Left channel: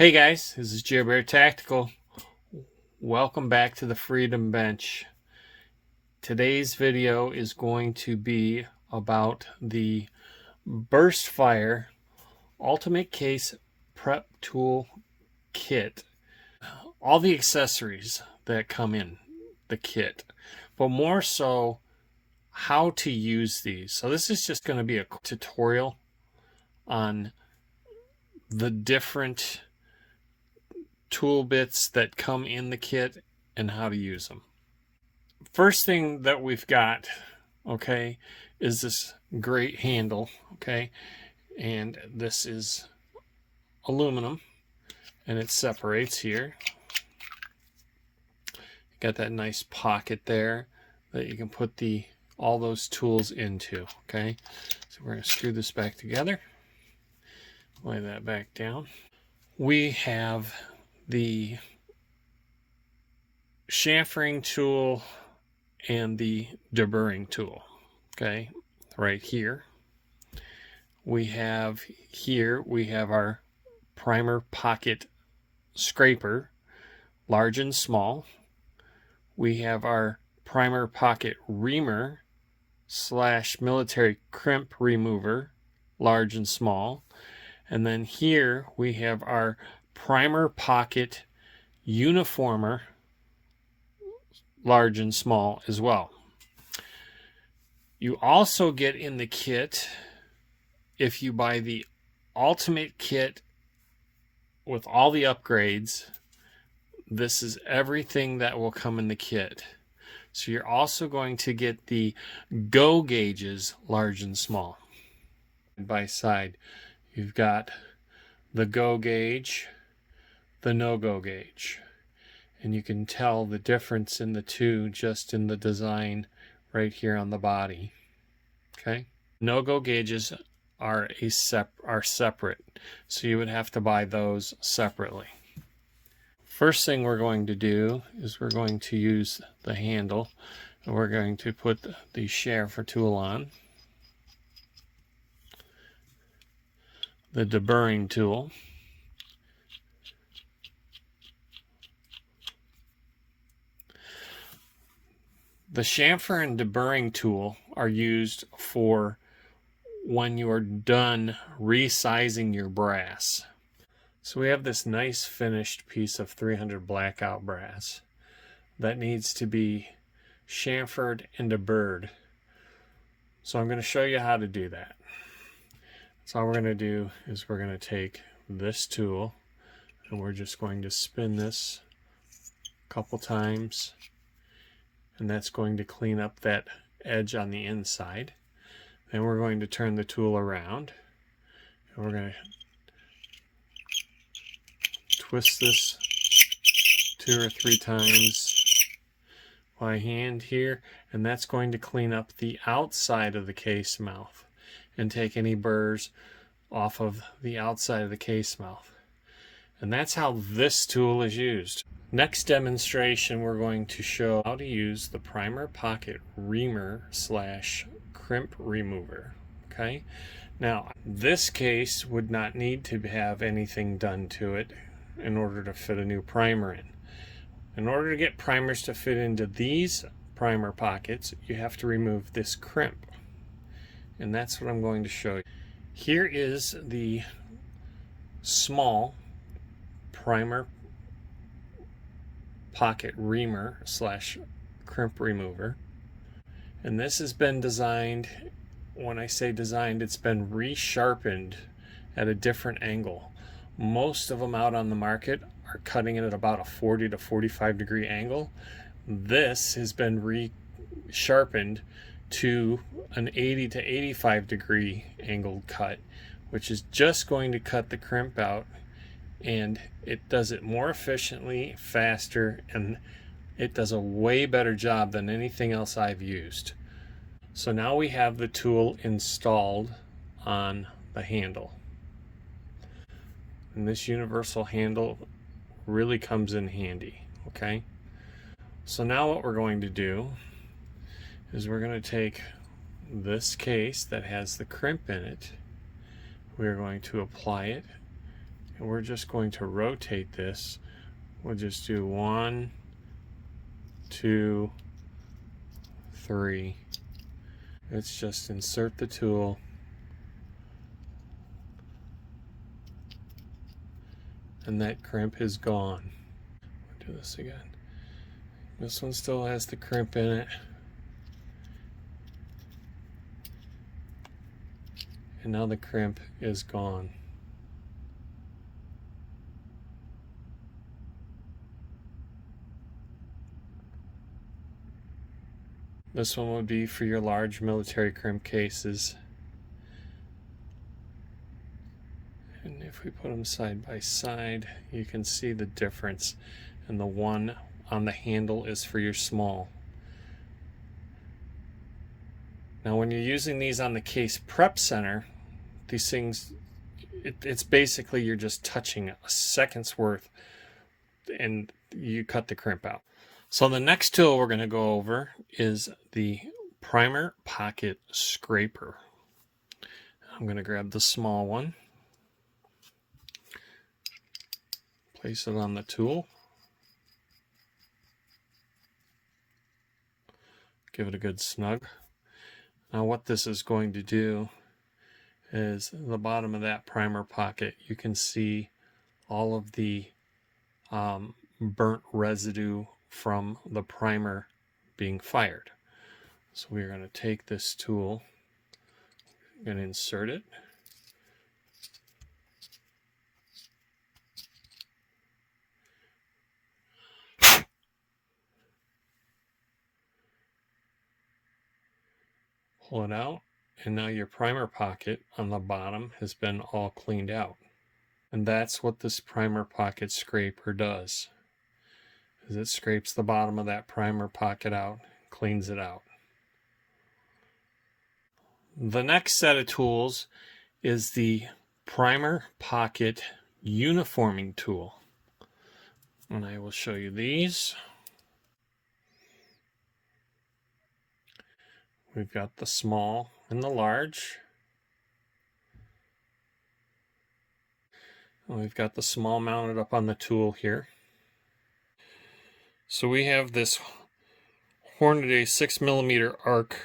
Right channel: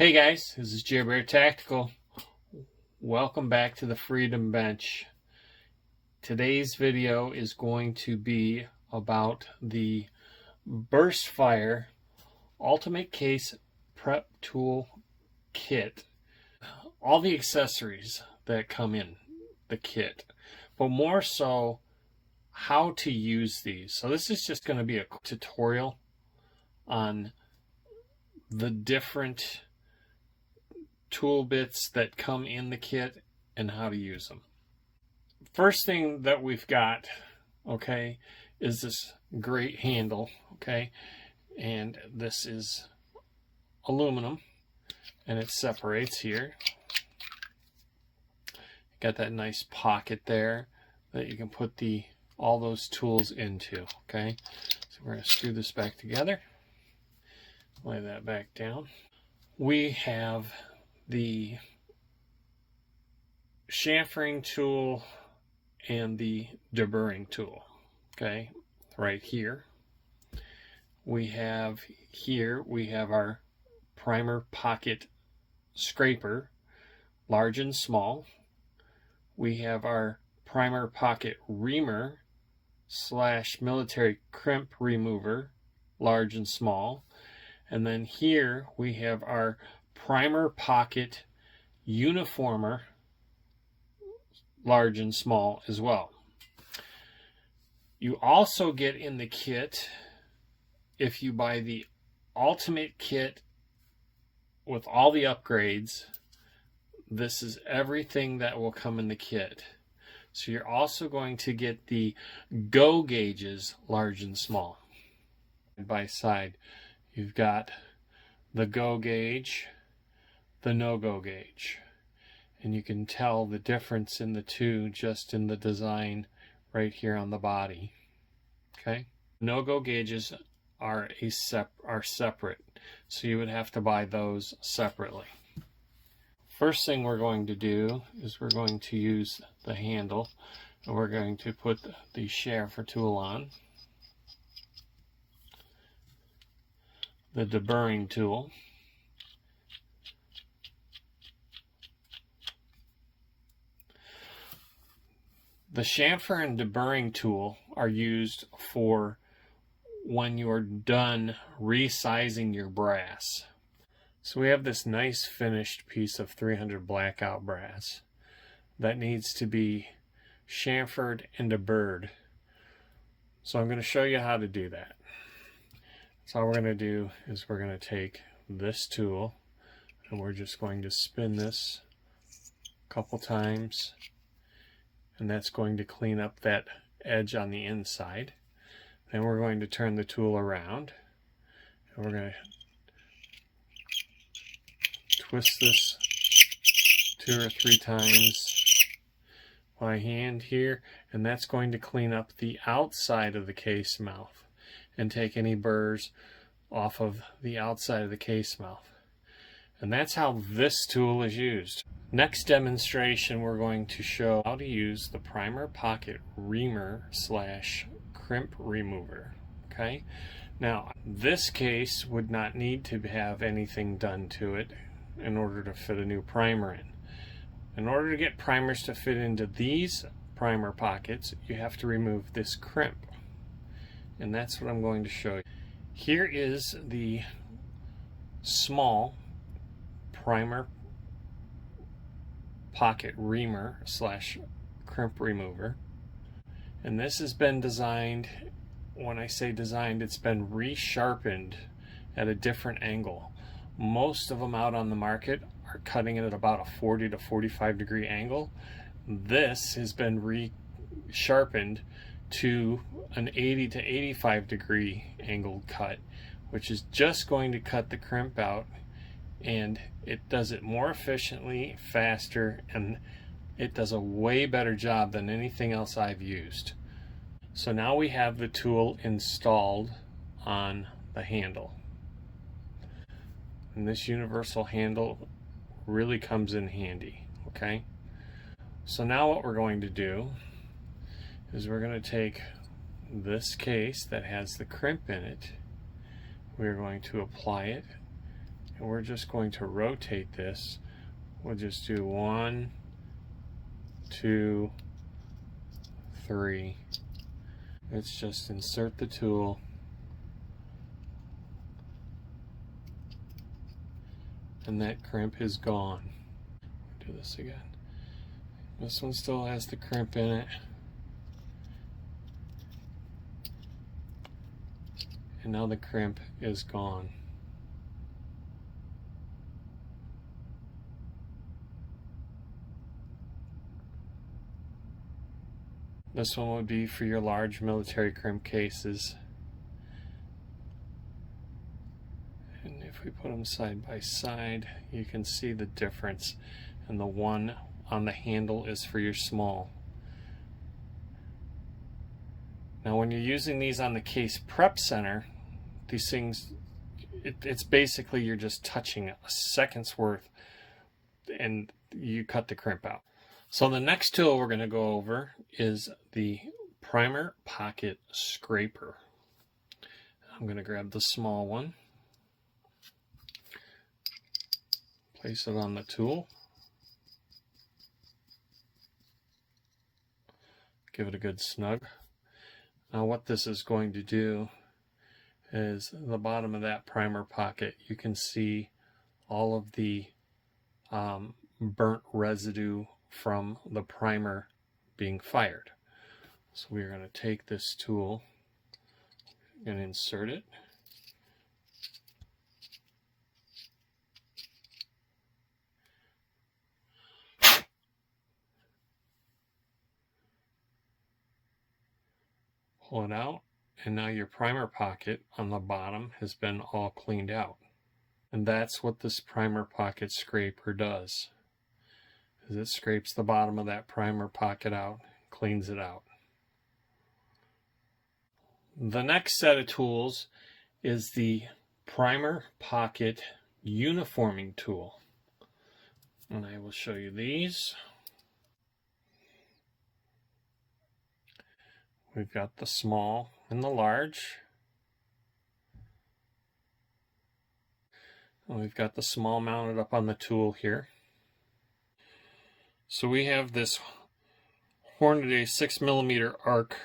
Hey guys, this is JerrBear Tactical. Welcome back to the Freedom Bench. Today's video is going to be about the Burstfire Ultimate Case Prep Tool Kit. All the accessories that come in the kit, but more so how to use these. So this is just going to be a tutorial on the different tool bits that come in the kit and how to use them. First thing that we've got, okay, is this great handle, okay, and this is aluminum and it separates here. Got that nice pocket there that you can put all those tools into, okay. So we're going to screw this back together, lay that back down. We have the chamfering tool and the deburring tool, okay, right here. We have our primer pocket scraper, large and small. We have our primer pocket reamer / military crimp remover, large and small. And then here we have our primer pocket uniformer, large and small as well. You also get in the kit, if you buy the ultimate kit with all the upgrades, this is everything that will come in the kit. So you're also going to get the go gauges, large and small. By side, you've got the go gauge, the no-go gauge, and you can tell the difference in the two just in the design right here on the body. Okay, no-go gauges are separate, so you would have to buy those separately. First thing we're going to do is we're going to use the handle, and we're going to put the chamfer tool on, the deburring tool, the chamfer and deburring tool are used for when you are done resizing your brass. So we have this nice finished piece of 300 blackout brass that needs to be chamfered and deburred. So I'm going to show you how to do that. So all we're going to do is we're going to take this tool and we're just going to spin this a couple times, and that's going to clean up that edge on the inside. Then we're going to turn the tool around and we're going to twist this 2 or 3 times by hand here, and that's going to clean up the outside of the case mouth and take any burrs off of the outside of the case mouth. And that's how this tool is used. Next demonstration, we're going to show how to use the Primer Pocket Reamer / Crimp Remover. Okay, now this case would not need to have anything done to it in order to fit a new primer in. In order to get primers to fit into these primer pockets, you have to remove this crimp, and that's what I'm going to show you. Here is the small Primer Pocket Reamer / Crimp Remover, and this has been designed, when I say designed, it's been resharpened at a different angle. Most of them out on the market are cutting it at about a 40 to 45 degree angle. This has been resharpened to an 80 to 85 degree angled cut, which is just going to cut the crimp out, and it does it more efficiently, faster, and it does a way better job than anything else I've used. So now we have the tool installed on the handle, and this universal handle really comes in handy. Okay, so now what we're going to do is we're going to take this case that has the crimp in it, we're going to apply it And we're just going to rotate this. We'll just do 1, 2, 3. Let's just insert the tool. And that crimp is gone. Do this again. This one still has the crimp in it. And now the crimp is gone. This one would be for your large military crimp cases. And if we put them side by side, you can see the difference. And the one on the handle is for your small. Now when you're using these on the case prep center, these things, it's basically you're just touching a second's worth and you cut the crimp out. So the next tool we're going to go over is the Primer Pocket Scraper. I'm going to grab the small one, place it on the tool, give it a good snug. Now what this is going to do is the bottom of that primer pocket, you can see all of the burnt residue from the primer being fired. So we're going to take this tool and insert it. Pull it out, and now your primer pocket on the bottom has been all cleaned out. And that's what this primer pocket scraper does, is it scrapes the bottom of that primer pocket out, cleans it out. The next set of tools is the Primer Pocket Uniforming Tool. And I will show you these. We've got the small and the large. And we've got the small mounted up on the tool here. So we have this Hornady 6mm arc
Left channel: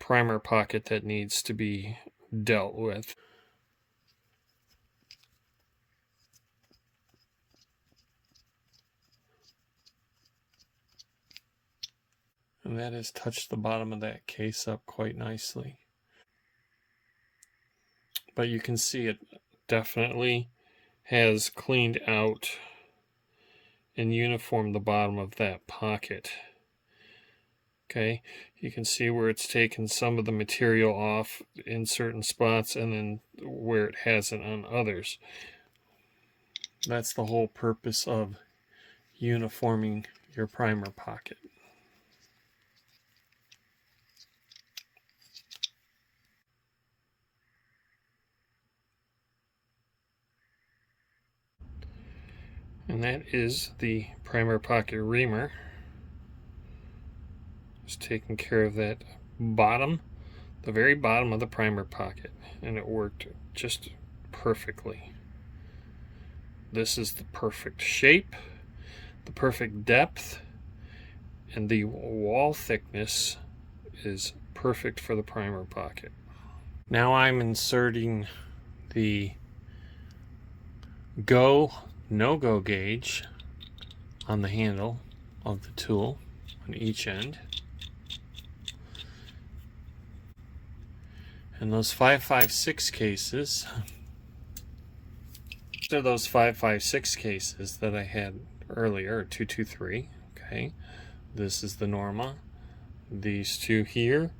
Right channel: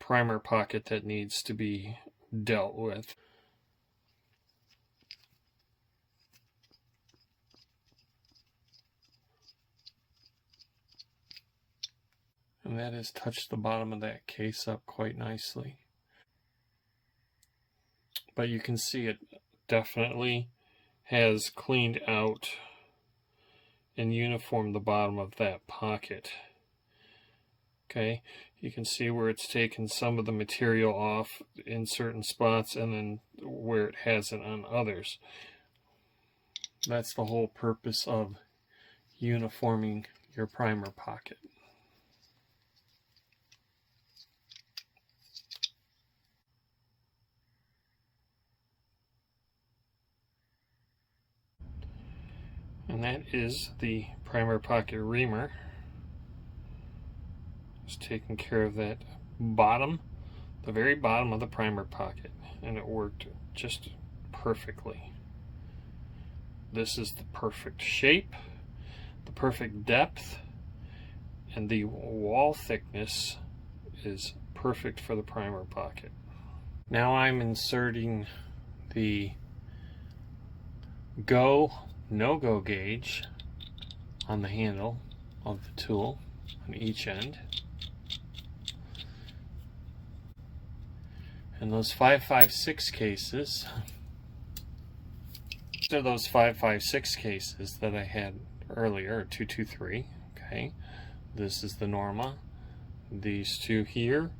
primer pocket that needs to be dealt with. And that has touched the bottom of that case up quite nicely. But you can see it definitely has cleaned out and uniformed the bottom of that pocket. Okay, you can see where it's taken some of the material off in certain spots and then where it hasn't on others. That's the whole purpose of uniforming your primer pocket. And that is the Primer Pocket Reamer. Just taking care of that bottom, the very bottom of the primer pocket, and it worked just perfectly. This is the perfect shape, the perfect depth, and the wall thickness is perfect for the primer pocket. Now I'm inserting the go no-go gauge on the handle of the tool on each end. And those 5.56 cases, these are those 5.56 cases that I had earlier, 223, okay? This is the Norma. These two here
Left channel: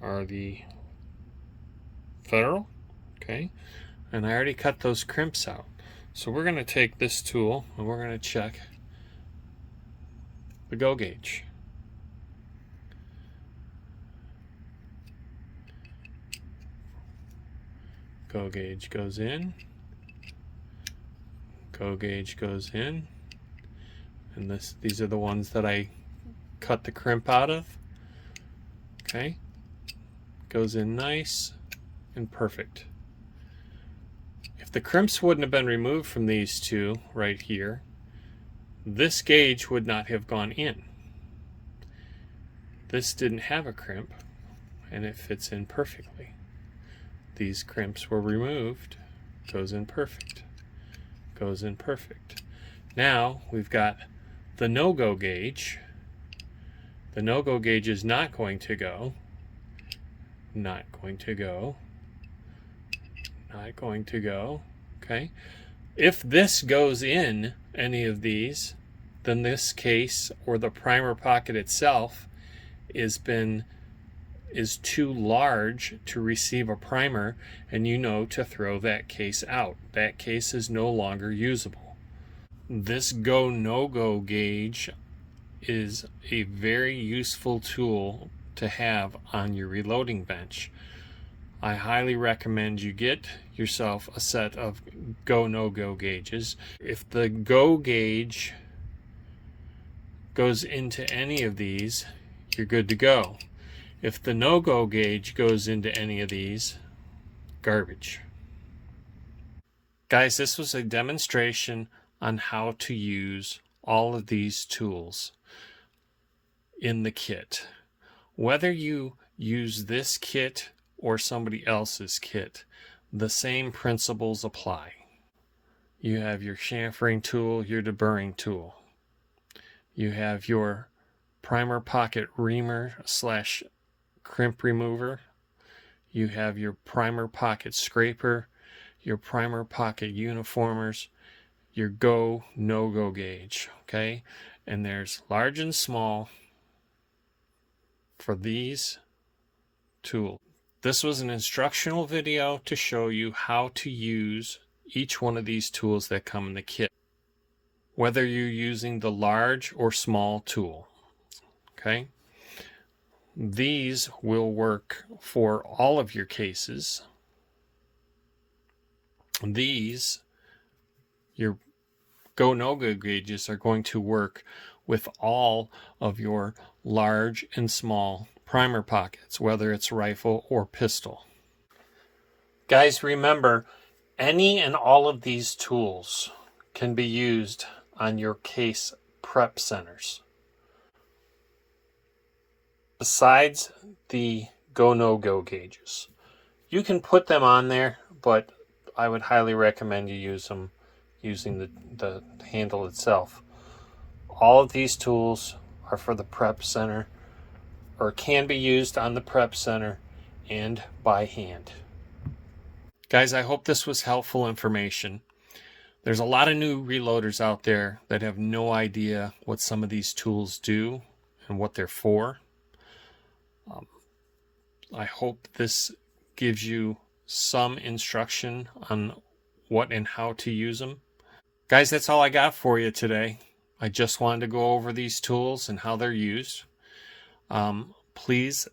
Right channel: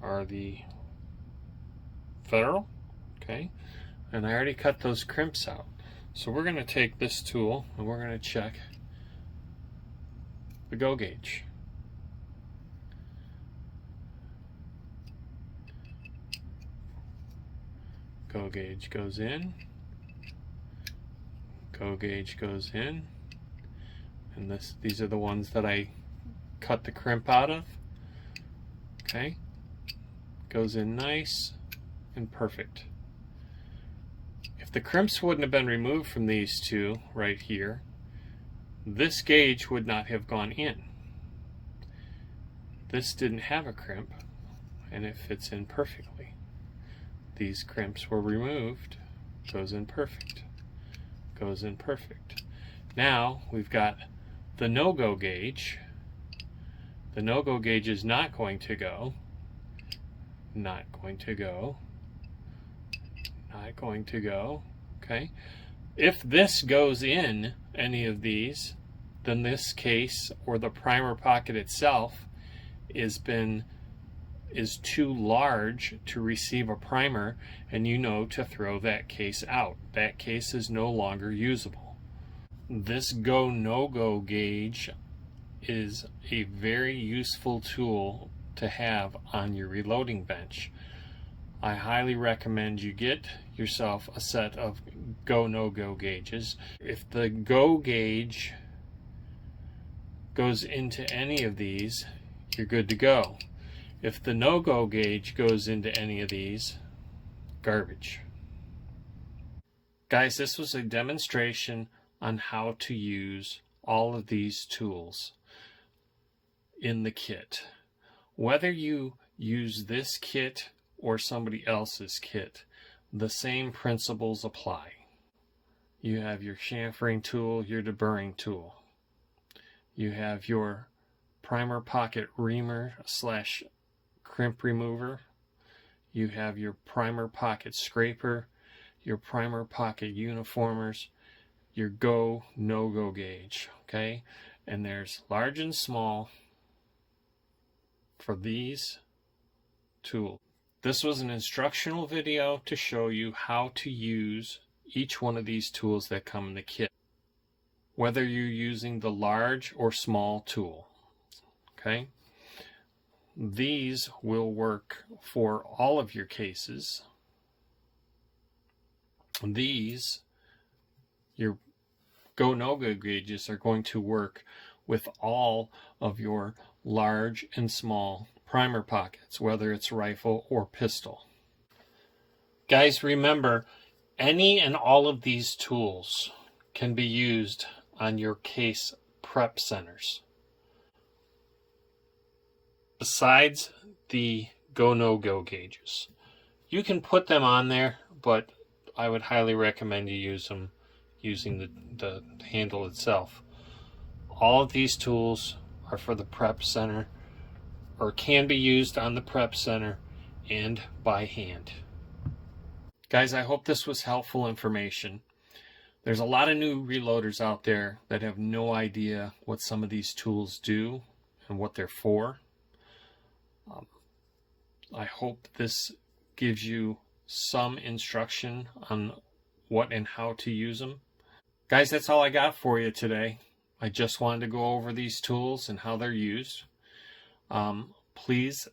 are the Federal, okay? And I already cut those crimps out. So we're going to take this tool and we're going to check the go gauge. Go gauge goes in. Go gauge goes in. And these are the ones that I cut the crimp out of. Okay. Goes in nice and perfect. If the crimps wouldn't have been removed from these two right here, this gauge would not have gone in. This didn't have a crimp, and it fits in perfectly. These crimps were removed, goes in perfect, goes in perfect. Now we've got the no-go gauge. The no-go gauge is not going to go, not going to go, not going to go, okay? If this goes in any of these, then this case or the primer pocket itself is too large to receive a primer, and you know to throw that case out. That case is no longer usable. This go no-go gauge is a very useful tool to have on your reloading bench. I highly recommend you get yourself a set of go no-go gauges. If the go gauge goes into any of these, you're good to go. If the no-go gauge goes into any of these, garbage. Guys, this was a demonstration on how to use all of these tools in the kit. Whether you use this kit or somebody else's kit, the same principles apply. You have your chamfering tool, your deburring tool. You have your Primer Pocket Reamer / Crimp Remover. You have your Primer Pocket Scraper, your Primer Pocket Uniformers, your go, no-go gauge, okay? And there's large and small for these tools. This was an instructional video to show you how to use each one of these tools that come in the kit, whether you're using the large or small tool, okay? These will work for all of your cases. These, your go no-go gauges, are going to work with all of your large and small primer pockets, whether it's rifle or pistol. Guys, remember, any and all of these tools can be used on your case prep centers. Besides the go no-go gauges, you can put them on there, but I would highly recommend you use them using the handle itself. All of these tools are for the prep center, or can be used on the prep center and by hand. Guys, I hope this was helpful information. There's a lot of new reloaders out there that have no idea what some of these tools do and what they're for. I hope this gives you some instruction on what and how to use them. Guys, that's all I got for you today. I just wanted to go over these tools and how they're used. Please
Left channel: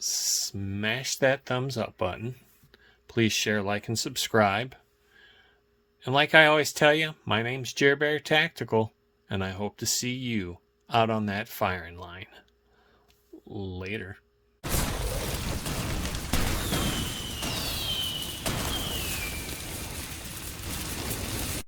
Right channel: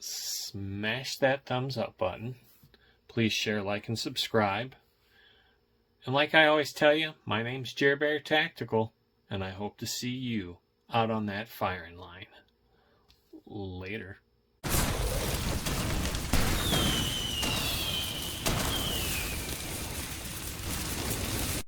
smash that thumbs up button. Please share, like, and subscribe. And like I always tell you, my name's JerrBear Tactical, and I hope to see you out on that firing line. Later.